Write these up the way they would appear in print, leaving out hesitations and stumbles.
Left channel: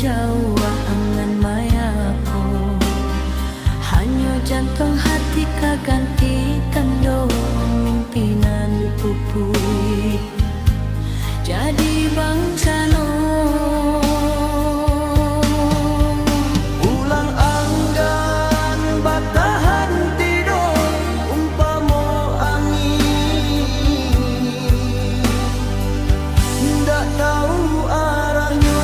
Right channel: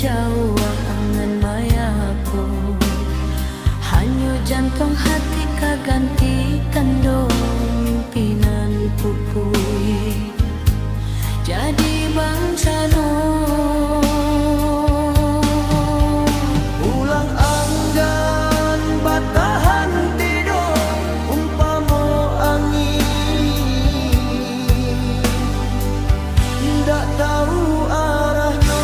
Jawa angan mayapo, hanya jantung hati kaganti tando mimpinan pupui jadi bangsa no. Ulang anggan batahan tido umpamo angin, ndak tahu arahnya.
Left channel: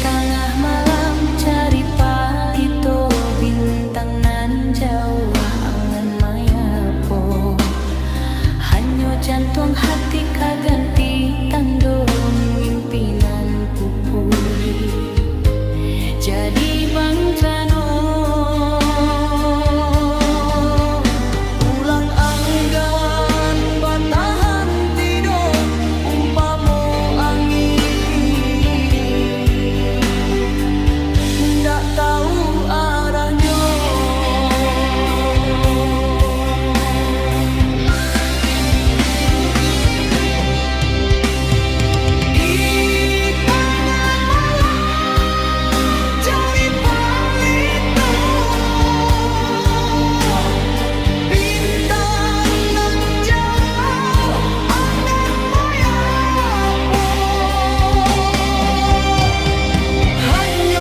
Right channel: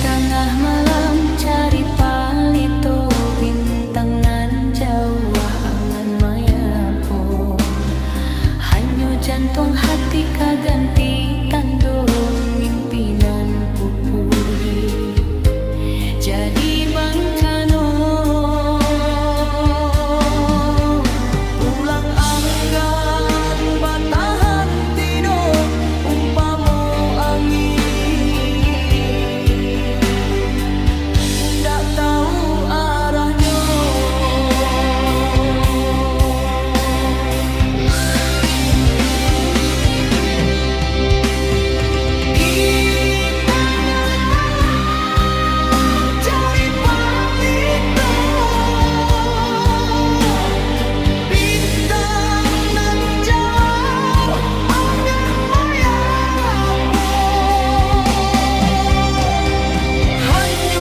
Tengah malam cari palito bintang nan Jawa angan mayapo, hanya jantung hati kaganti tando mimpinan pupui jadi bangkano. Ulang anggan batahan tido umpamo angin, ndak tahu